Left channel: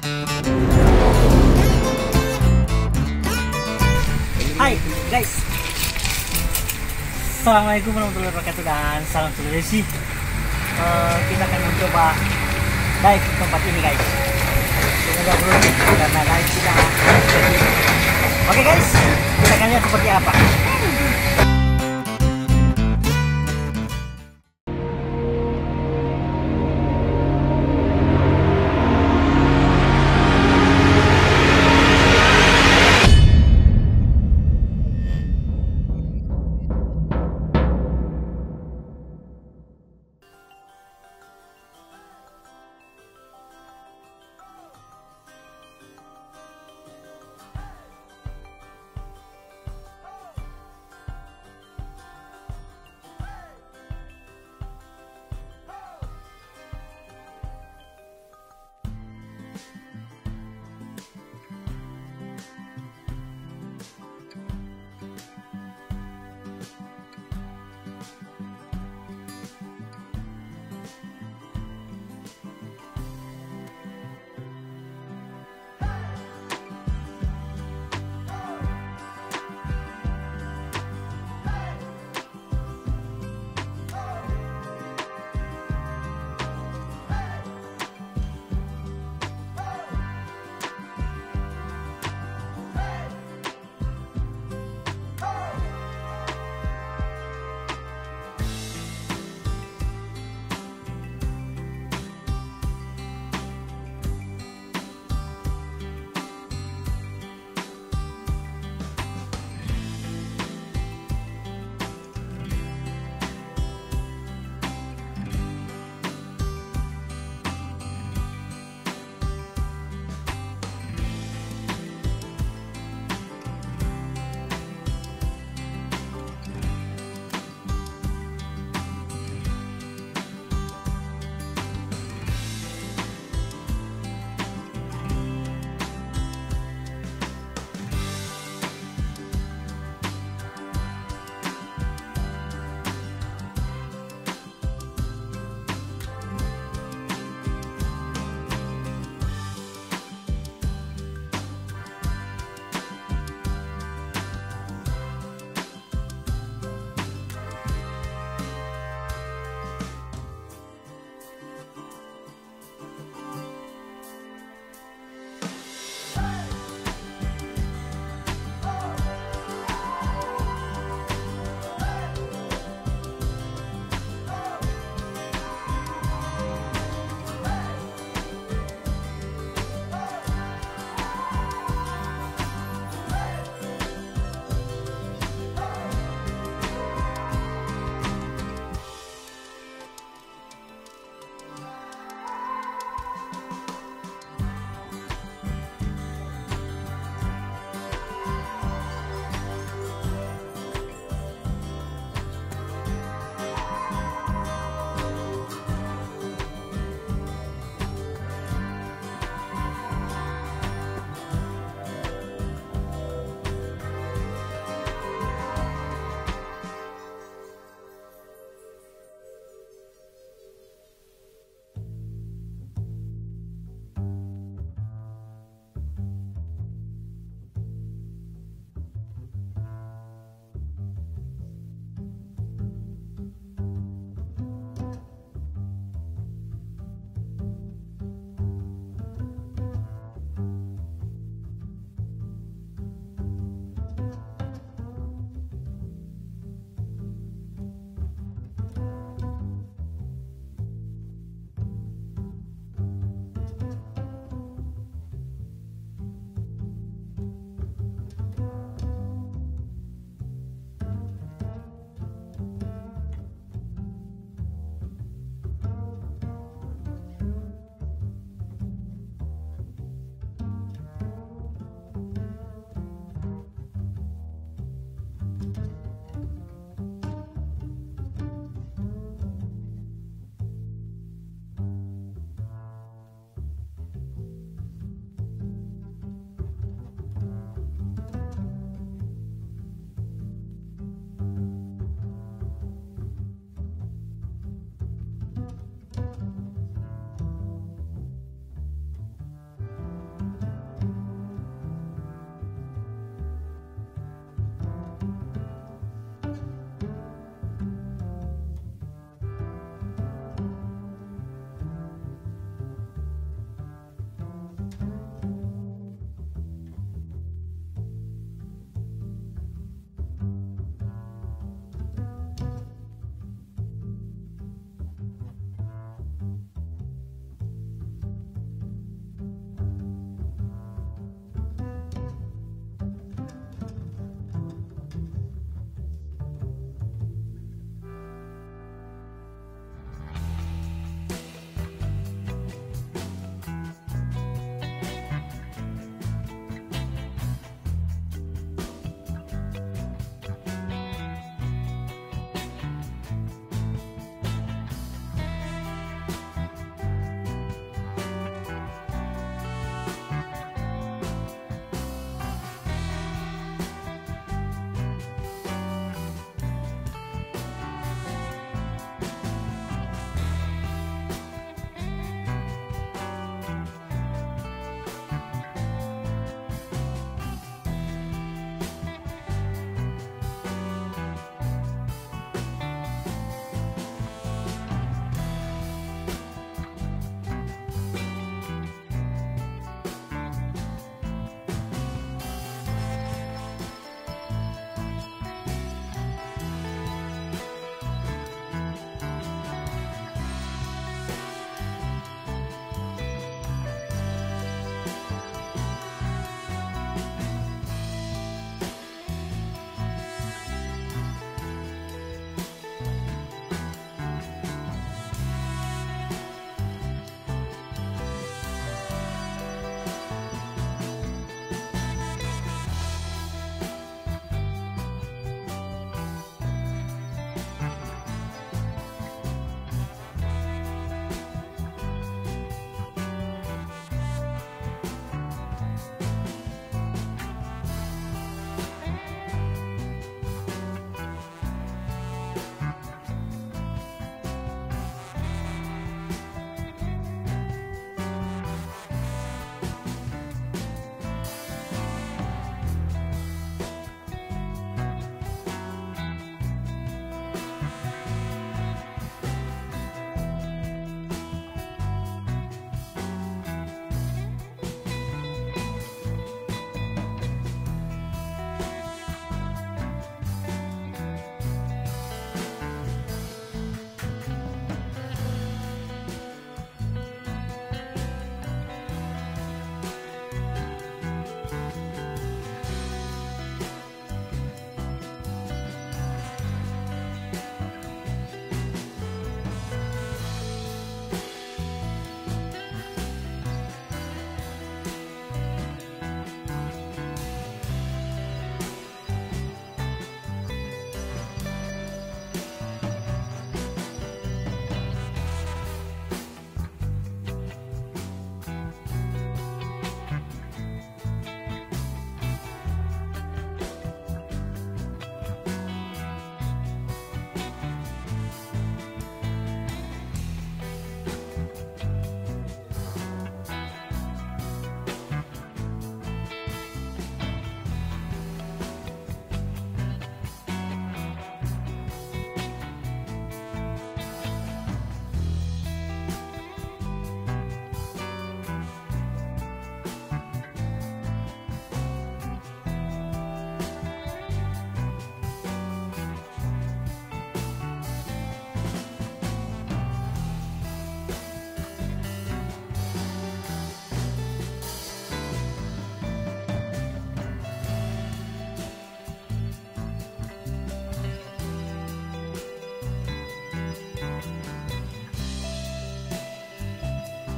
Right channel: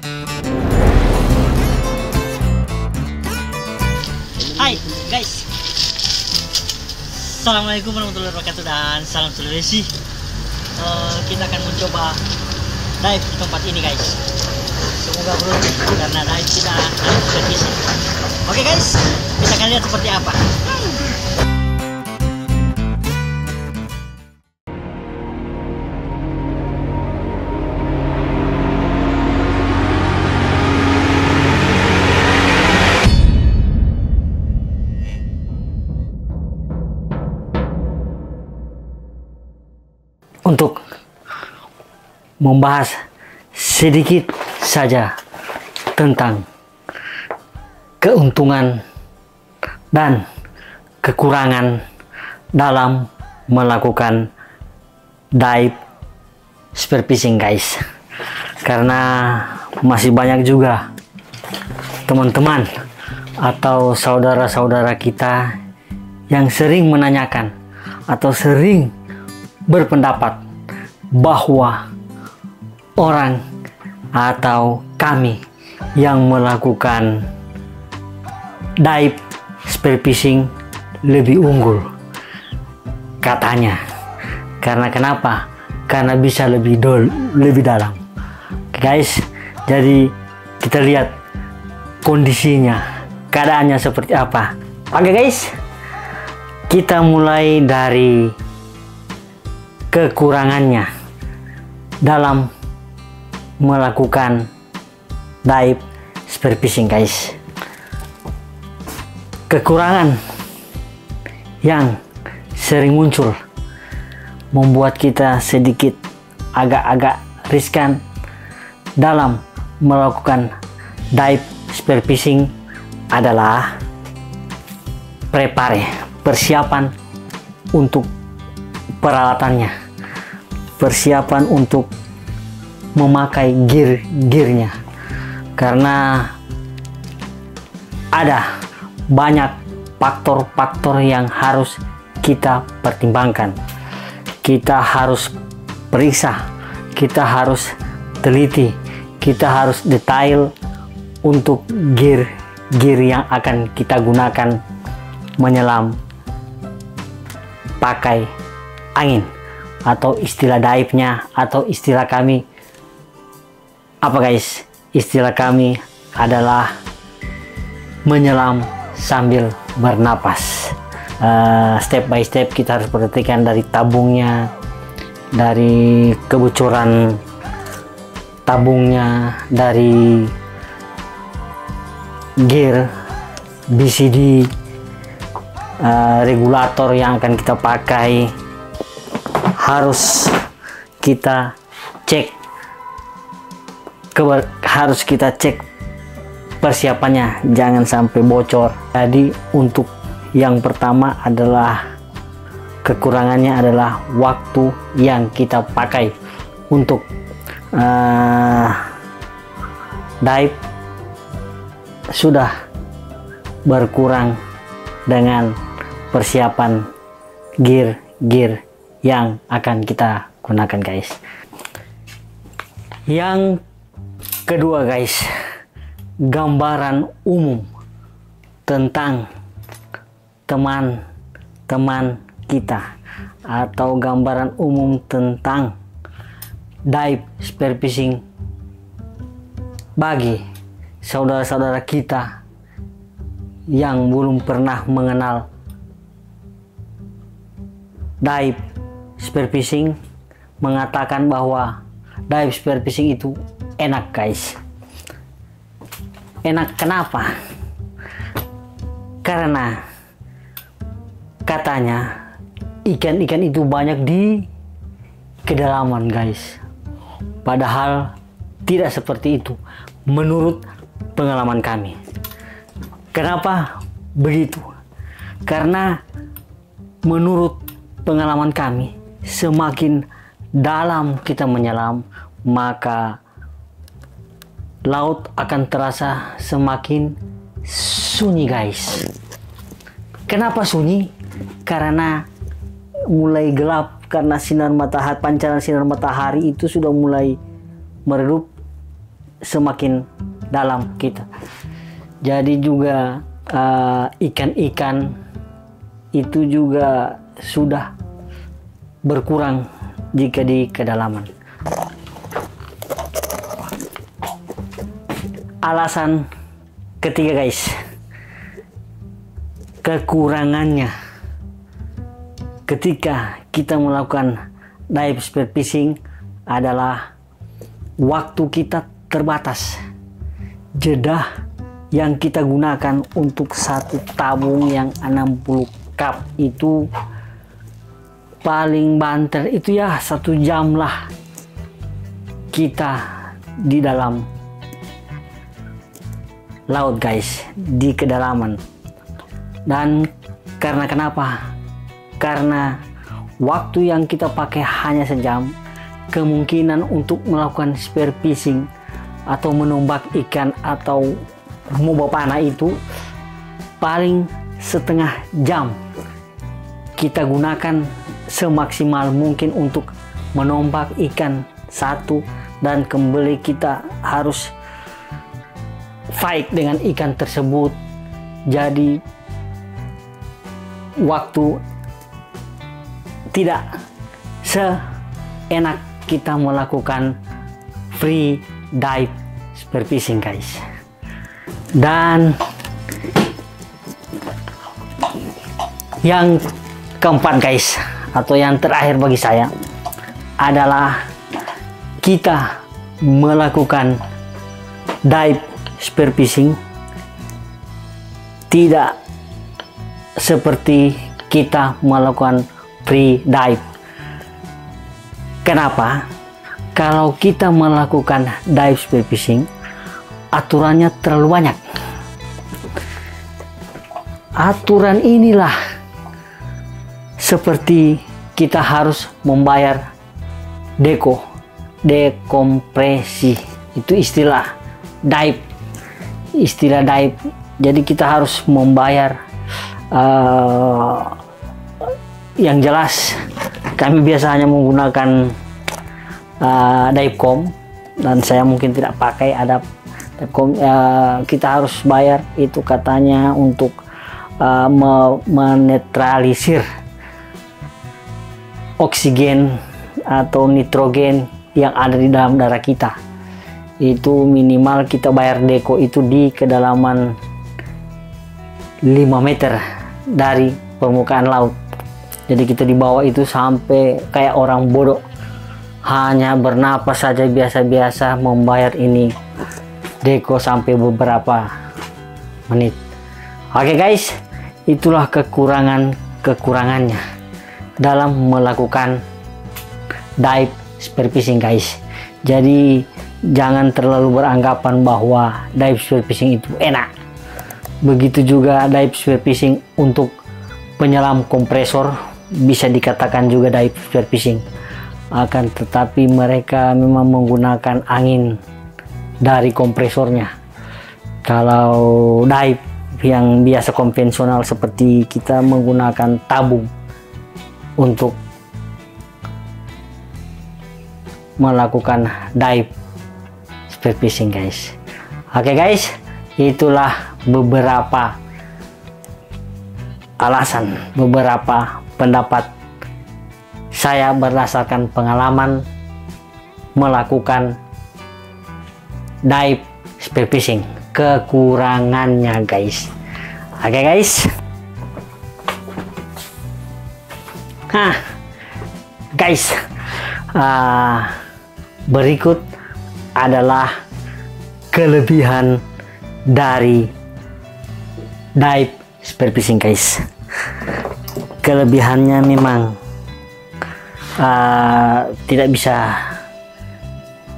Hai guys, assalamualaikum warahmatullahi wabarakatuh dan salam Sulawesi. Kita akan mencoba dive di tempat ini guys. Semoga beruntung karena dive kita harus berisi. Oke guys, kita akan lihat seperti apa. Untuk membahas sedikit saja tentang keuntungan dan kekurangan dalam melakukan dive spearfishing guys, karena masih banyak juga teman-teman atau saudara-saudara kita yang sering menanyakan atau sering berpendapat bahwa orang atau kami yang melakukan dive spearfishing lebih unggul katanya. Karena kenapa? Karena bisa lebih dalam guys. Jadi kita lihat kondisinya, keadaannya seperti apa. Oke guys, kita mulai dari kekurangannya dalam melakukan dive spearfishing guys. Kekurangan yang sering muncul membuat kita sedikit agak-agak riskan dalam melakukan dive spearfishing adalah persiapan untuk peralatannya, persiapan untuk memakai gearnya, karena ada banyak faktor-faktor yang harus kita pertimbangkan. Kita harus periksa, kita harus teliti, kita harus detail untuk gear yang akan kita gunakan menyelam pakai angin, atau istilah dive-nya atau istilah kami apa guys? Istilah kami adalah menyelam sambil bernapas. Step by step kita harus perhatikan dari tabungnya, dari kebocoran tabungnya, dari gear BCD, regulator yang akan kita pakai harus kita cek, harus kita cek persiapannya, jangan sampai bocor. Jadi untuk yang pertama adalah kekurangannya adalah waktu yang kita pakai untuk dive sudah berkurang dengan persiapan gear yang akan kita gunakan guys. Yang kedua guys, gambaran umum tentang teman-teman kita, atau gambaran umum tentang dive spearfishing bagi saudara-saudara kita yang belum pernah mengenal dive spearfishing, mengatakan bahwa dive spearfishing itu enak guys. Enak kenapa? Karena katanya ikan-ikan itu banyak di kedalaman guys. Padahal tidak seperti itu menurut pengalaman kami. Kenapa begitu? Karena menurut pengalaman kami, semakin dalam kita menyelam, maka laut akan terasa semakin sunyi guys. Kenapa sunyi? Karena mulai gelap, karena sinar matahari, pancaran sinar matahari itu sudah mulai meredup semakin dalam kita. Jadi juga ikan-ikan itu juga sudah berkurang jika di kedalaman. Alasan ketiga guys, kekurangannya ketika kita melakukan dive spearfishing adalah waktu kita terbatas. Jeda yang kita gunakan untuk satu tabung yang 60 cup itu paling banter itu ya 1 jam lah kita di dalam laut guys, di kedalaman. Dan karena kenapa? Karena waktu yang kita pakai hanya sejam, kemungkinan untuk melakukan spearfishing atau menombak ikan atau membawa panah itu paling setengah jam kita gunakan semaksimal mungkin untuk menombak ikan satu, dan kembali kita harus fight dengan ikan tersebut. Jadi waktu tidak seenak kita melakukan free dive spearfishing guys. Dan yang keempat guys, atau yang terakhir bagi saya adalah kita melakukan dive spearfishing tidak seperti kita melakukan free dive. Kenapa? Kalau kita melakukan dive spearfishing, aturannya terlalu banyak. Aturan inilah seperti kita harus membayar dekompresi, itu istilah dive. Jadi kita harus membayar yang jelas kami biasanya menggunakan Divecom, dan saya mungkin tidak pakai ada Divecom. Kita harus bayar itu katanya untuk menetralisir oksigen atau nitrogen yang ada di dalam darah kita. Itu minimal kita bayar deko itu di kedalaman 5 meter dari permukaan laut. Jadi kita di bawah itu sampai kayak orang bodoh, hanya bernapas saja biasa-biasa membayar ini deko sampai beberapa menit. Oke guys, itulah kekurangannya dalam melakukan dive spearfishing guys. Jadi jangan terlalu beranggapan bahwa dive spearfishing itu enak. Begitu juga dive spearfishing untuk penyelam kompresor, bisa dikatakan juga dive spearfishing. Akan tetapi mereka memang menggunakan angin dari kompresornya. Kalau dive yang biasa konvensional seperti kita menggunakan tabung untuk melakukan dive spearfishing guys. Oke guys, itulah beberapa alasan, beberapa pendapat saya berdasarkan pengalaman melakukan dive spearfishing, kekurangannya guys. Oke guys, guys, berikut adalah kelebihan dari dive spearfishing guys. Kelebihannya memang tidak bisa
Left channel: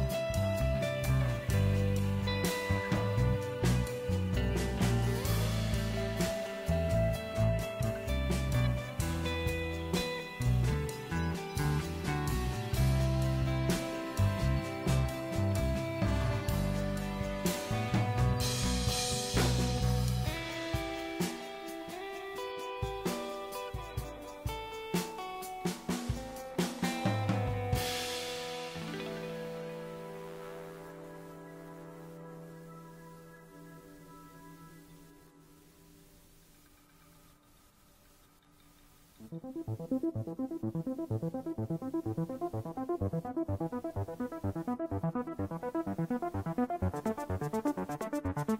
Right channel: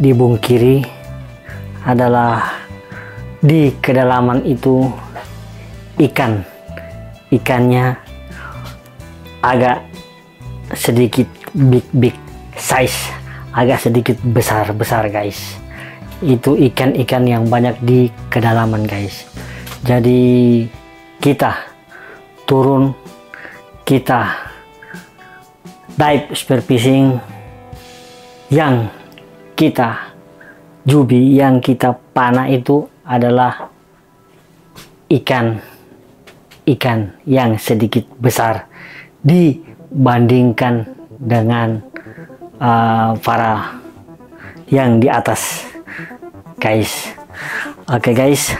dibungkiri, adalah di kedalaman itu ikannya agak sedikit big size, agak sedikit besar guys. Itu ikan-ikan yang banyak di kedalaman guys. Jadi kita turun, kita dive spearfishing, yang kita jubi yang kita panah itu adalah ikan yang sedikit besar dibandingkan dengan para yang di atas, guys. Oke, guys.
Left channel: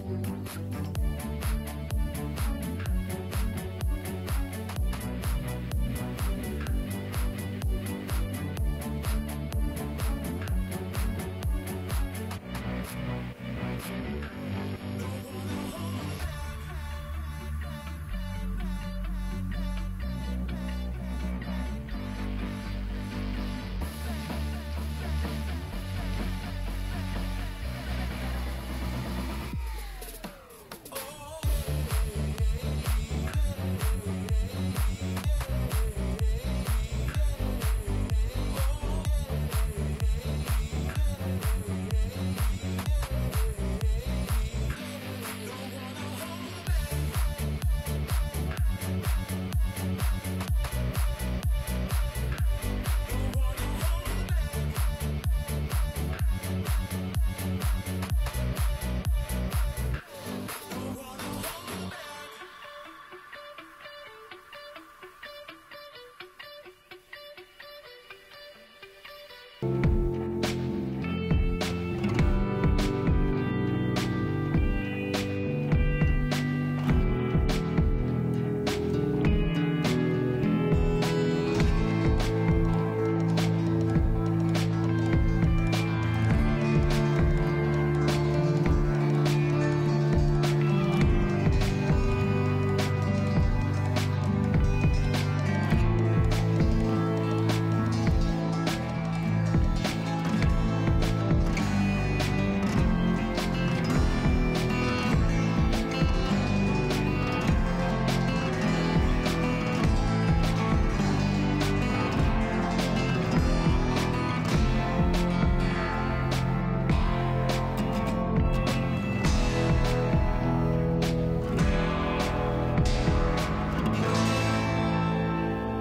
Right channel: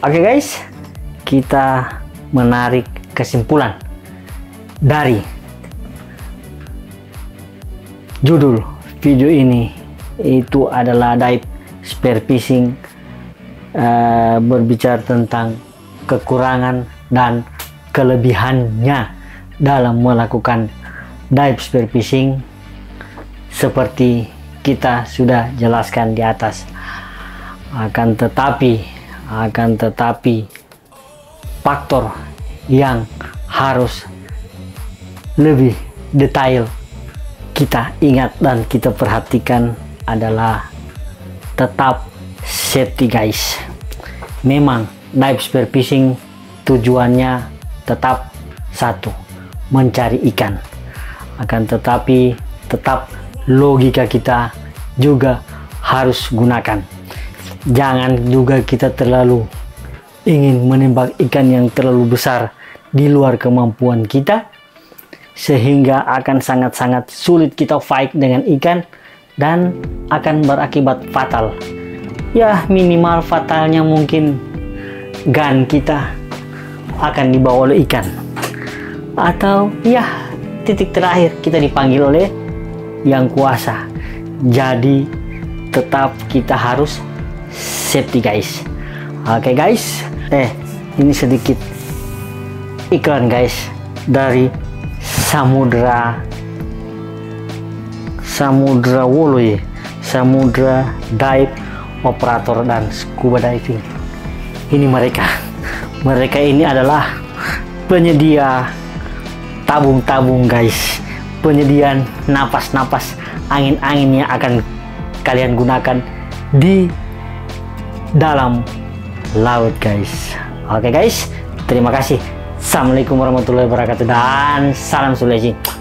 Oke guys, kita menarik kesimpulan dari judul video ini, itu adalah dive spearfishing, berbicara tentang kekurangan dan kelebihannya dalam melakukan dive spearfishing seperti kita sudah jelaskan di atas. Akan tetapi faktor yang harus lebih detail kita ingat dan kita perhatikan adalah tetap safety guys. Memang dive spearfishing tujuannya tetap satu, mencari ikan. Akan tetapi tetap logika kita juga harus gunakan. Jangan juga kita terlalu ingin menembak ikan yang terlalu besar di luar kemampuan kita, sehingga akan sangat-sangat sulit kita fight dengan ikan dan akan berakibat fatal. Ya, minimal fatalnya mungkin gun kita akan dibawa oleh ikan, atau ya titik terakhir kita dipanggil oleh yang kuasa. Jadi tetap kita harus safety guys. Oke guys, ini sedikit iklan guys dari Samudra Woloye, Samudra Dive Operator dan Scuba Diving. Ini mereka ini adalah penyedia tabung-tabung guys, penyediaan napas-napas angin-angin yang akan kalian gunakan di dalam laut guys. Oke guys, terima kasih. Assalamualaikum warahmatullahi wabarakatuh dan salam Sulawesi.